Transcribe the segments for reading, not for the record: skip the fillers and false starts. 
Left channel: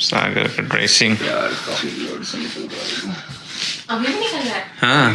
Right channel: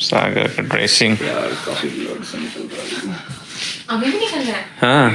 सागर का ड्रेसिंग अभी भी निकल रहा है। हाँ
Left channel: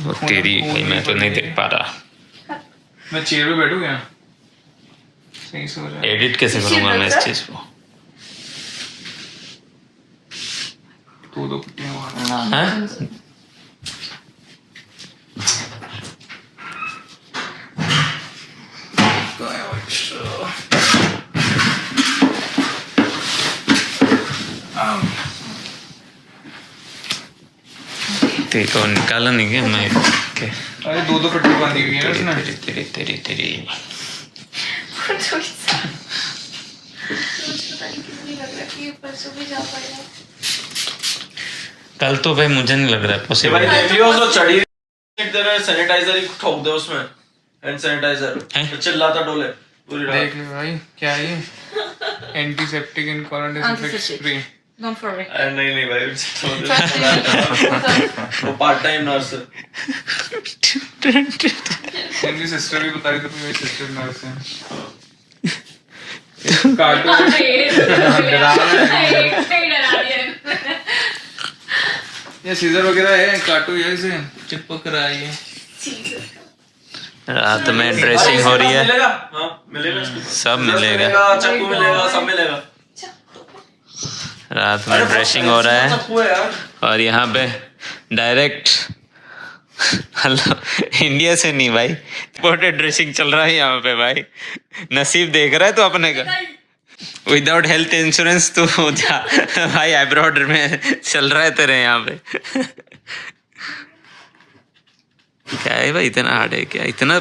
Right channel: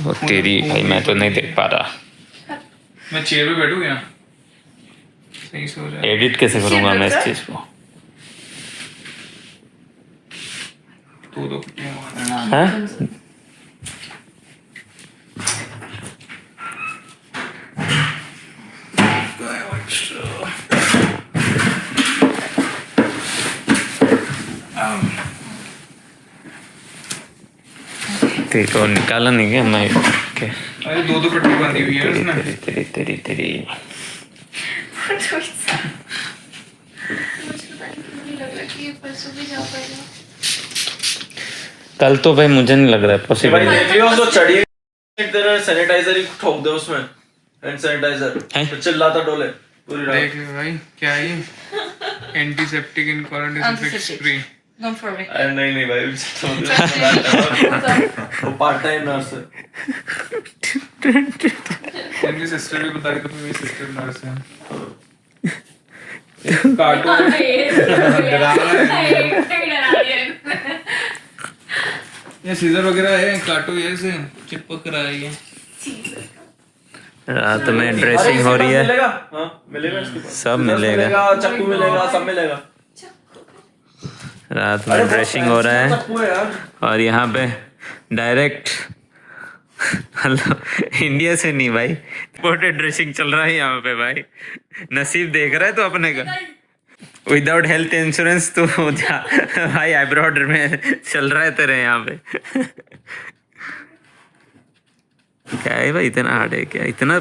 वो तेरी भाई मैं तो नहीं देख पा रहा। मैं चेयर पे बैठूं क्या? सही सो रहा है। एडिट कैसे करूंगा मैं इस चीज को? तू तो कुत्ते मार। हाँ तेरे को निकाला नहीं क्या मैं के अरे दो पट्टी बांधी हुई है तेरी इसने। तेरी तेरी तेरी तेरी कल तो भाई मुझे नहीं लग रहा है पॉसिबल है। उसको चढ़ी तेरे सैनिटाइजर ही ठोक दे उसमें, हैंड सैनिटाइजर तो चिल्लाता डोले पूरी रात। देख भाई क्या ये antiseptic in disinfect spray. Don't worry. नहीं भाई वो पार्ट टाइम नर्स है। मेरी सिस्टर भी बता रही थी मेरी सिस्टर नर्स है। कार्टून ये सीजर वगैरह है कार्टून ये से चिपक रहा है ये। रात में ड्रेसिंग हो रही है। मिलेगा हाँ मिलेगा इसको सब मिलेगा। चाकू मिलेगा सब मिलेगा। रात में ड्रेसिंग हो रहा है चाकू है यार। और यहाँ पे डायरेक्ट हेलो इंडिया से नहीं भाई इंपोर्टेड ड्रेसिंग चल रहा है यहाँ पे भाई। नसीब देख रहा है तो अपने का विदाउट हेल्थ इंश्योरेंस तो जा भाई अब्रॉड में चल रहा है तेरे यहाँ पे। क्या है भाई इतना हार्ड है क्या? इतना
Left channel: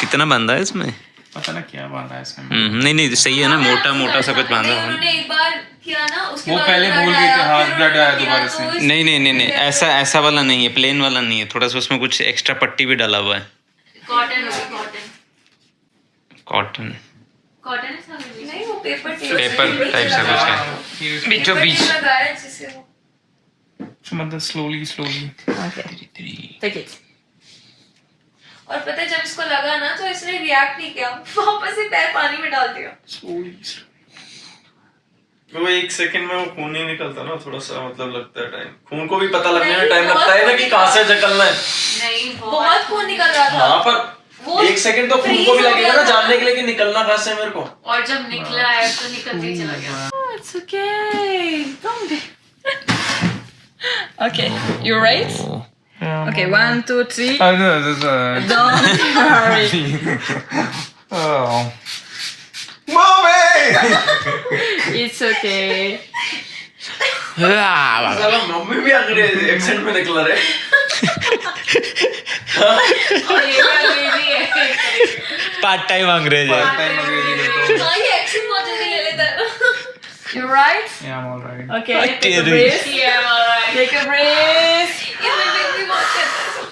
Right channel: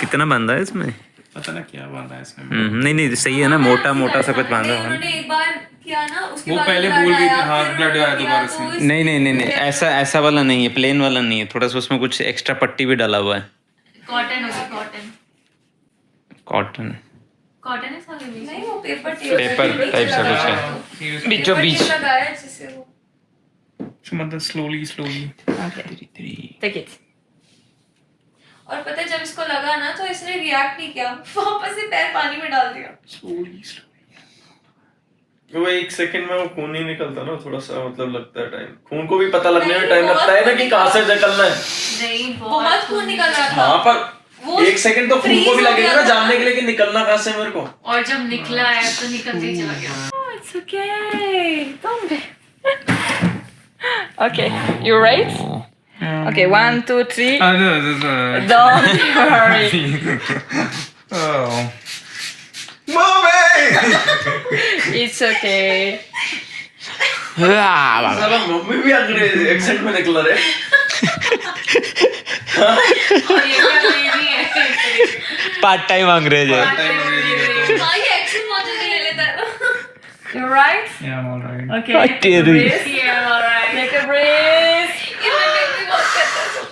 कितना बांधा है इसमें? पता ना क्या बांधा है इसमें। नहीं सही है ना मोटा मोटा सा कुछ बांधा हुआ है। उन्होंने एक बार किया ना उसके वो बाद पहले ब्लड बोल गई आया, थी हाँ फिर ब्लड आया उन्होंने दोबारा किया, से। तो नहीं ऐसा वाला नहीं है प्लेन वाला नहीं है थोड़ा सा उसमें कुछ एक्स्ट्रा पट्टी भी डाला हुआ है। कॉटन होगी कॉटन कॉटन है सब नहीं वो पेपर टाइप सा कुछ है बीचों बीच। लगाया जिससे वो मतलब स्लोली टेक इट। और पता है जब इसको लगा ना तो इसने रिएक्ट नहीं किया, वापस से पैर पानी में डाल दिया। वो एक सेकंड में वो खून नहीं निकलता ना थोड़ा सा मतलब लगता है टाइम। खून को भी पता लगने में टाइम लगता है ना कि कहाँ से निकलना है। नहीं बहुत खून निकल रहा था। हाँ पर एक सेकंड तो खून को भी लगेगा ना जानने के लिए कि निकलना कहाँ से है मेरे को। और जब निकला है तो निकलते ही चला गया। It's okay. Don't. Okay, you right? Okay, 1, 2, 3. Don't worry. Oh. Mommy! It's okay. साला मम्मी भी अंग्रेजी एक्सेंट में निकल रहे। पार्ट टाइम अंग्रेज है। हाँ ये एक्सेंट बहुत जल्दी ले लेता है। You're right? Yeah, I'm alright. Okay. What Take a did we- breath. Yeah, I'm alright. Take a breath.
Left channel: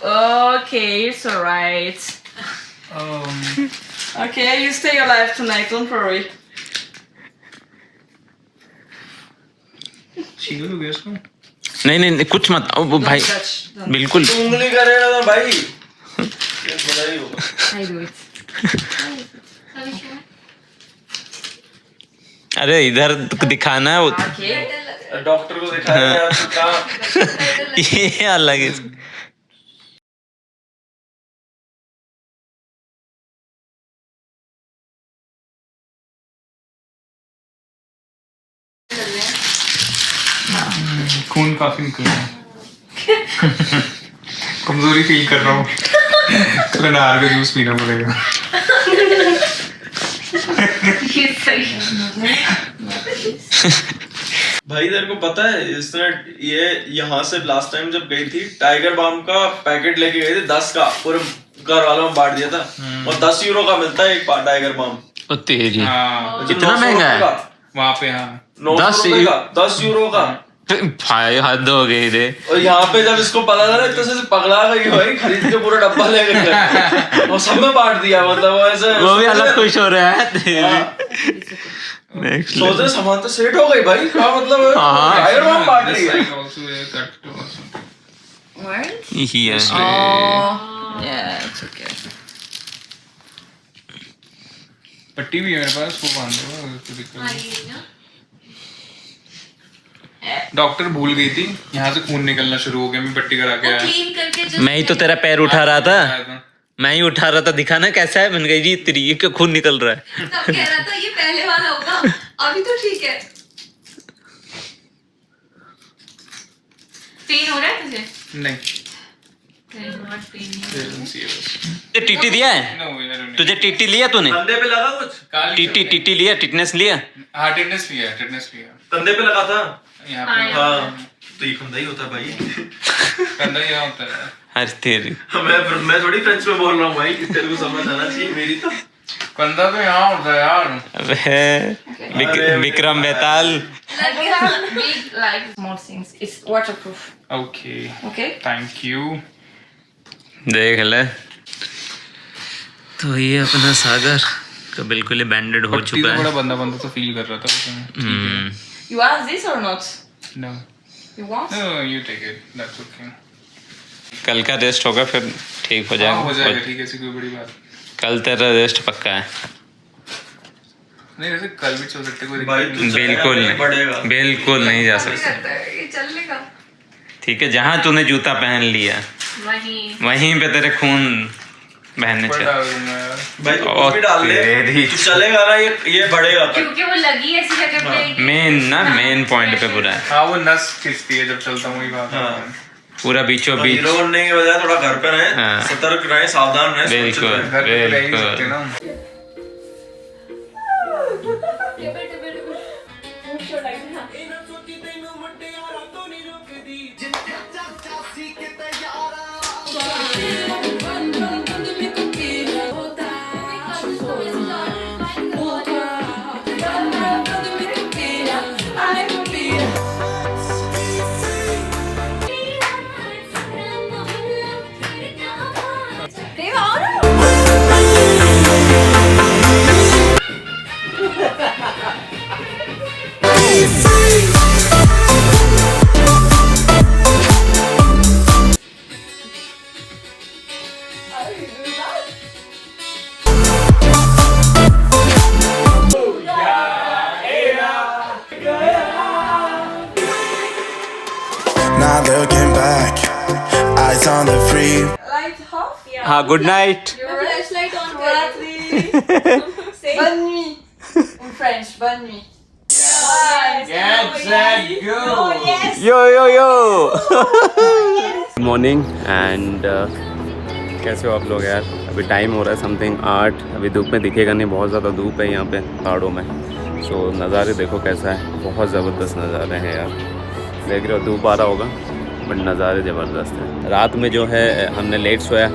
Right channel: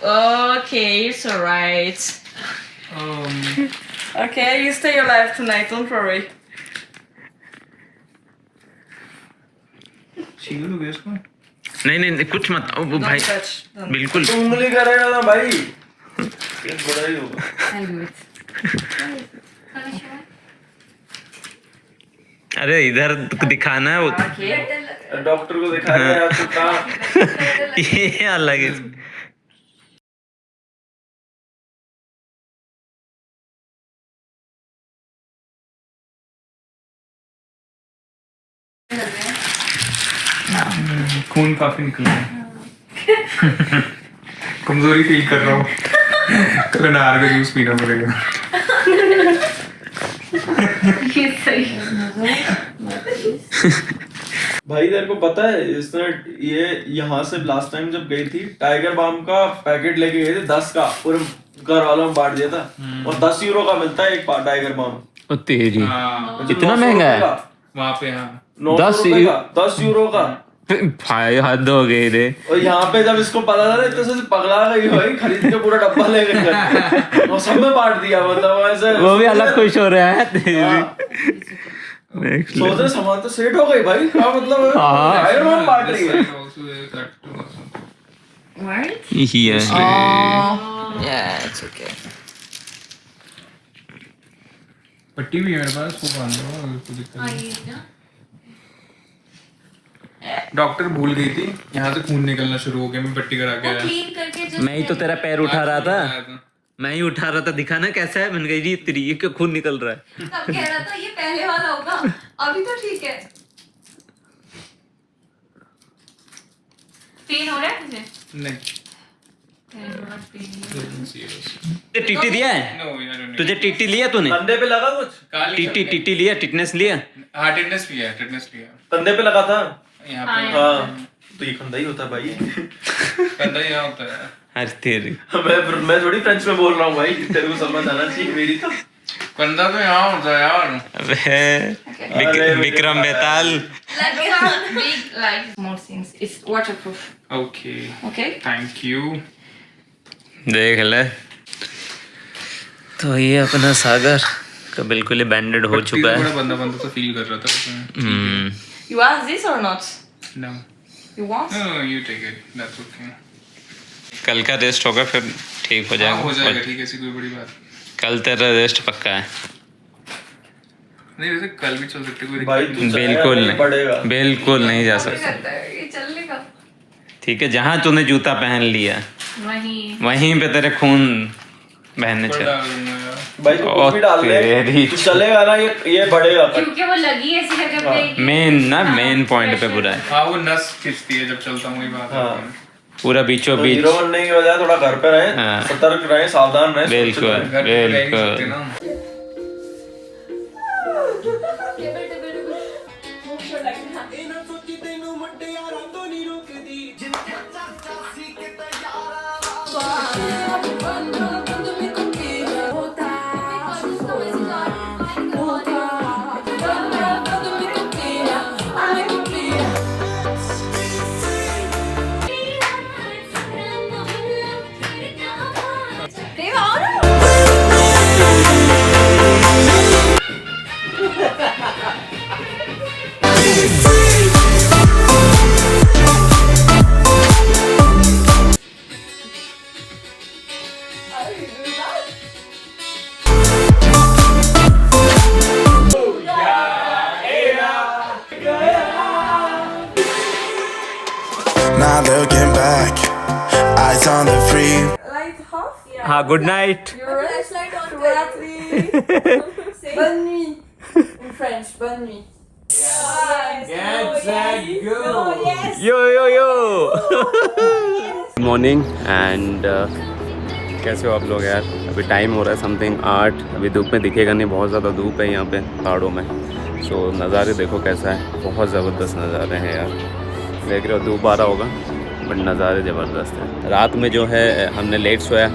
Okay, it's alright. Okay, you stay alive tonight. Don't worry. शीलो तो गैस को नहीं कुछ मत ओ वो भाई Touch. Don't. बिल्कुल उंगली करेगा ना भाई ये बड़ा ही होगा। I do it. अरे इधर दिखाना है वो Okay. डॉक्टर को दिखाया यार तो कहाँ ये अलग है। खून काफी निकल रहा है। कमजोरी फील कर रहा हूँ। चलो नार का जूस पीना पड़ेगा। भाई तेरे को पता है इसने ये यहाँ से लास्ट टाइम जब गई थी टाइगर बाम का पैकेट लेके गई थी 10 का पूरे घर वालों में बांट दिया था और 10 यूरो का मिलता है एक टाइगर बाम। ओ तेरी हाँ इतना महंगा है वहाँ पे हाँ 10 यूरो का भाई हद हो गई रे। और यहाँ पे जब इसको पता चला तो से पगला गई भाई खरीद के पूरा डब्बा ले गई वो सब में बांट दिया मतलब ऐसे वो भी अलग खुश हो रहा है तेरी। नेक्स्ट सोचे सामान तो सेट हो गई भाई क्या मतलब टाइगर बाम बांट रही है। What? ये Oh. Yeah, it's okay. पट्टी भी है मेरे पास वो बांध दूंगा कोई दिक्कत नहीं। डॉक्टर भूल गई थी, यहाँ से खून निकलना शुरू हो गया, मैं पट्टी करा के वो आया। क्लीन करके जो मैं ही तो तेरा पैर उठा रहा था, मैं ही उठा रहा था, दिखा ना कैसा है। मैंने कहा जी तेरी ये क्या खून निकल रहा है। तब कह रहा था ये पहले वाला होगा, अभी तो ठीक है। पेन हो रहा है तुझे? नहीं, तुझे टीटी दिया है? नो यार नहीं। तुझे टीटी लिया तूने? कंधे पे लगा कुछ? टीटी लिया, टिटनेस लिया? हाँ टिटनेस लिया, टिटनेस लिया कंधे पे लगा था? यहाँ हाँ, पे। हाँ तो ये कंधा ही होता है भाई। कंधा यहाँ होता है। अरे तेरी मैं थोड़ी फ्रेंच में बोल रहा हूँ भाई, तेरे को समझ आना चाहिए मेरी तो। कंधा तो यहाँ होता है यार। अबे विक्रम बेताल। big like small things. It's waterproof. Okay Okay. Thank you. देख ले, तो ये अपना सागर का बिल्कुल ही बैंडेड हो चुका है। थोड़ा बंदा बंदा तो फील कर रहा था। You want this or not? No You want? No you take it, that's okay. कल का रेस्ट होगा फिर ठीक हो हाँ हो जाएगा। जाएगा, ठीक है, ऐसी कोई बड़ी बात कल तेरा रेस्ट पक्का है। नहीं। वैसे कल भी चल सकते, कोई भाई दिक्कत तू नहीं। बिल्कुल पड़ेगा। नहीं, बिल्कुल नहीं जा सकता। करता है ये चलने का? ठीक है, जहाँ तूने जूता पहन लिया वही। वहीं पे तेरे खून बहने बड़ा चाहिए। रूम है यार। भाई तू कुछ भी डाल दे, तू चलेगा ना, ये बढ़ेगा फिर। क्योंकि वो लगी ऐसी जगह पे। मेन पॉइंट पे पूरा है, हाँ वो नस खिंचती है जब चलता हूँ, वही बात है। हाँ। पूरा बीचों तो बीच। हीरो बनने के बजाय थोड़ा घर पे रहे, हाँ। सतर्क रहे, सावधान रहे, सुरक्षित बिल्कुल। रहे। घर पे तो रह ही बिल्कुल। सकते ना। Not looking back, eyes on the free. Light off? Yeah. हाँ, good night. Your flashlight on करें। Say bonne nuit. In French, bonne nuit. Get set go। Yo yo yo. Good morning and कैसे हो आप लोग यार? अभी time हो रहा है समथिंग 8। अभी धूप में दिखेगा नहीं, बहुत ज़्यादा धूप है यहाँ पे पहाड़ों में। सो नज़ारे देखो कैसा है, बहुत ज़बरदस्त नज़ारे हैं यार। देख रहे हो, धूप आ रहा होगा बट नज़ारे ज़बरदस्त हैं। रात में जो है हमने लेट सोया,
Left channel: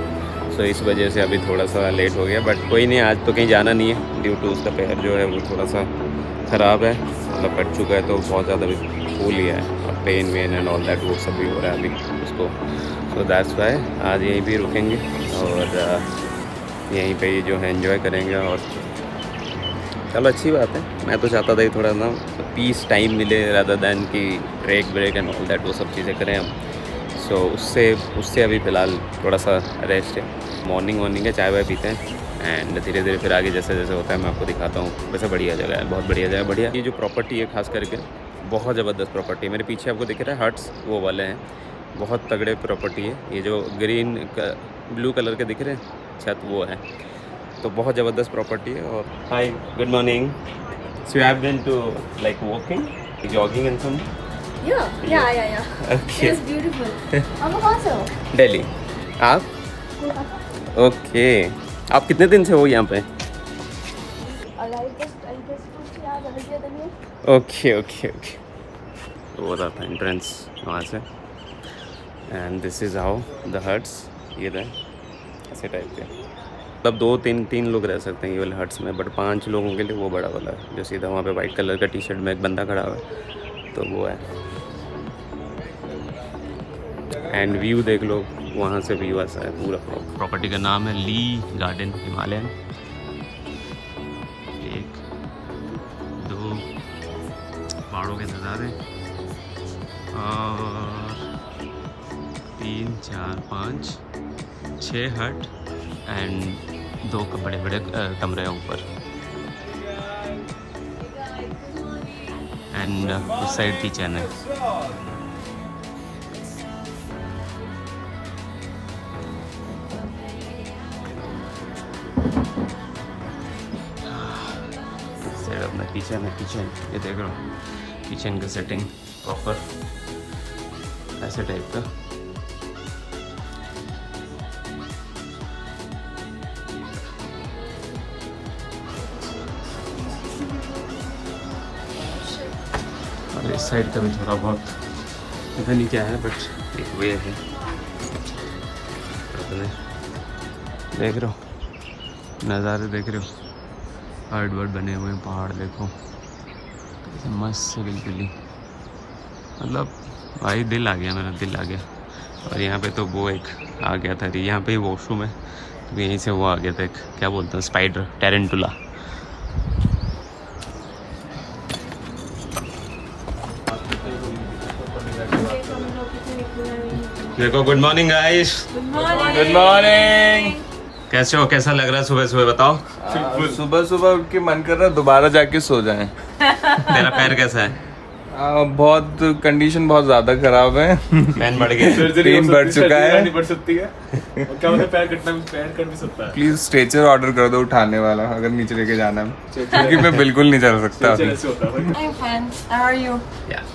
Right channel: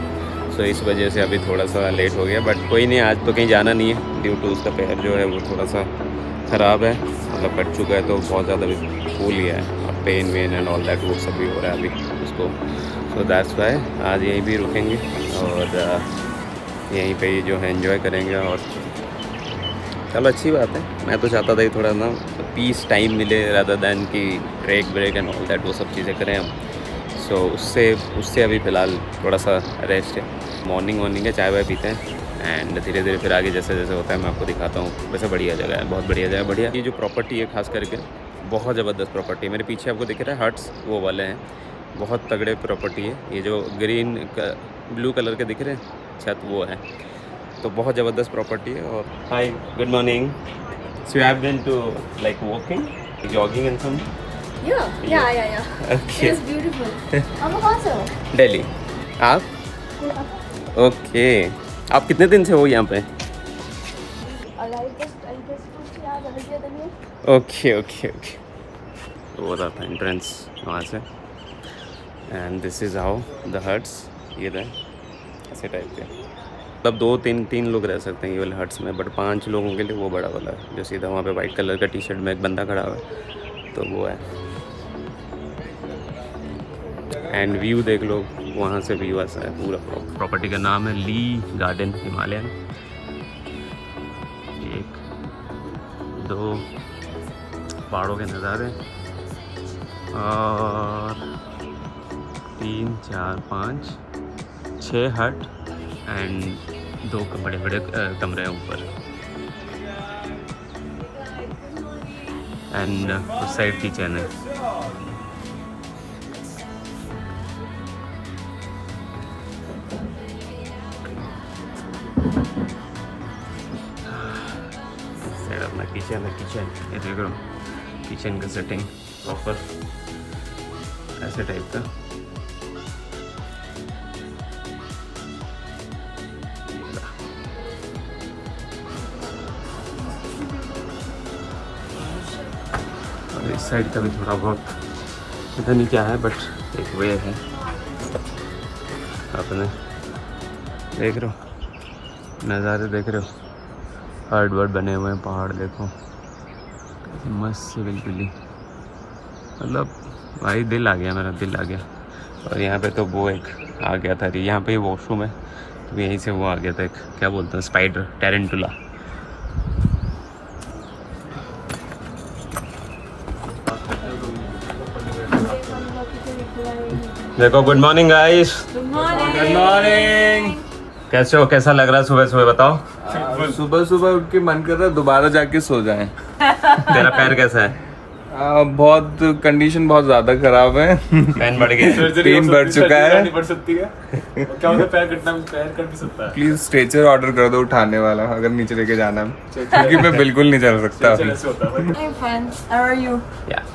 सो इस वजह से अभी थोड़ा सा लेट हो गया, बट कोई नहीं, आज तो कहीं जाना नहीं है ड्यू टू उसका पैर जो है वो थोड़ा सा ख़राब है, मतलब कट चुका है, तो बहुत ज़्यादा भी फूल लिया है और पेन वेन एंड ऑल दैट वो सब भी हो रहा है अभी उसको। सो दैट्स वाई आज यहीं भी रुकेंगे और यहीं पे ही जो है एंजॉय करेंगे। और चलो अच्छी बात है, मैं तो चाहता था कि थोड़ा ना पीस टाइम मिले रादर दैन कि ब्रेक एंड ऑल दैट वो सब चीज़ें करें हम। सो उससे अभी फ़िलहाल थोड़ा सा रेस्ट है। मॉर्निंग है, चाय वाय पीते हैं एंड धीरे धीरे फिर आगे जैसे जैसे होता है मैं आपको दिखाता हूँ। वैसे बढ़िया जगह है, बहुत बढ़िया जगह, बढ़िया। ये जो प्रॉपर्टी है खास करके बहुत ज़बरदस्त प्रॉपर्टी है। मेरे पीछे आपको दिख रहा है हट्स, वो वाले हैं, बहुत तगड़े प्रॉपर्टी है। ये जो ग्रीन ब्लू कलर के दिख रहे हैं छत, वो है, तो बहुत ज़बरदस्त प्रॉपर्टी है। और hi, good morning. So you have been to like walking, jogging and some? Yeah. Okay, It's beautiful. I'm a Kasol. Delhi. आप? ओके, आप कितने दिन से हो यहाँ पे? ओके। वो रहा था एंट्रेंस वहाँ से and this is how the huts. ये रहे ऐसे टाइप के, मतलब 2-3 लोग रह सकते हैं ये वाले हट्स में, बट 5 लोगों के लिए वो बड़ा वाला है जो सीधा वहाँ पे वाइट कलर का टी शर्ट में एक बंदा खड़ा हुआ है, तो वो है। एंड व्यू देख लो, वहाँ से व्यू ऐसा है पूरा। प्रॉपर्टी का नाम है ली गार्डन हिमालयन। 1 2 पहाड़ों के नज़ारे और 3 4 5 6 हट एंड 2 बड़े कमरे हैं ऊपर। एंड उस साइड किचन है. अपना किचन है. किचन ये देख लो, किचन का सेटिंग प्रॉपर ऐसे टाइप का. और इस साइड का भी थोड़ा बहुत पता नहीं क्या है, बट एक वे है. अपने देख रहे हो, नज़ारे देख रहे हो, हर्ड वर्ड बने हुए हैं, पहाड़ देखो कैसे मस्त से बिल्कुल ही, मतलब भाई दिल आ गया, मेरा दिल आ गया. और यहाँ पे तो वो एक आ गया था, यहाँ पे ही वॉशरूम है, तो यहीं से वो आ गया था एक, क्या बोलते हैं, स्पाइडर, टेरेंटुला. देखो, good morning guys. Good morning. कैसे हो, कैसा लग रहा है सुबह सुबह, बताओ. सुबह सुबह उठ के मन कर रहा है दोबारा जाके सो जाएं. तेरा पैर कैसा है? बहुत कंडीशन बहुत ज्यादा खराब है. पेन बढ़ गया, पेन बढ़ चुका है. बढ़ सकती है क्या मतलब, पैर कट भी सकता है. प्लीज स्ट्रेचर ऑर्डर कर दो उठाने वाला, अगर नीचे लेके जाना है, क्योंकि मैं बिल्कुल नहीं चल सकता अभी. I'm fine. How are you?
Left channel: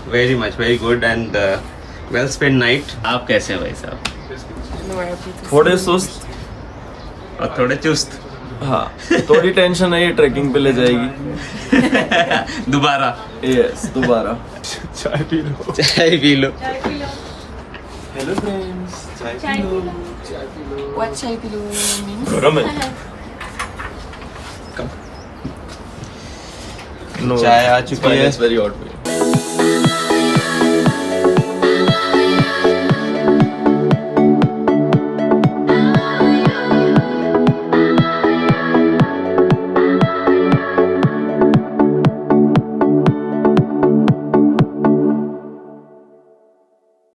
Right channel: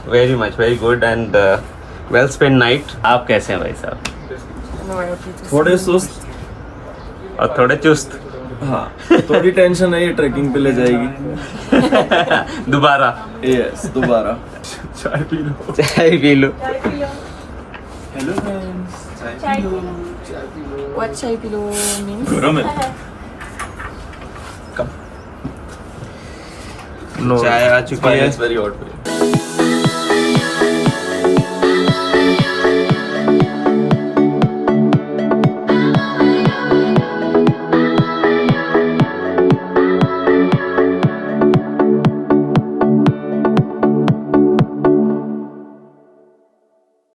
Very much, very good and well spend night. आप कैसे हैं भाई साहब? थोड़े सुस्त और थोड़े चुस्त. हाँ, थोड़ी टेंशन है, ये ट्रैकिंग पे ले जाएगी दोबारा. यस, दोबारा. चाय पी लो. हेलो फ्रेंड्स, चाय P low. What chai pillow means? गरम है. चाय आ चुकी है. Very hot.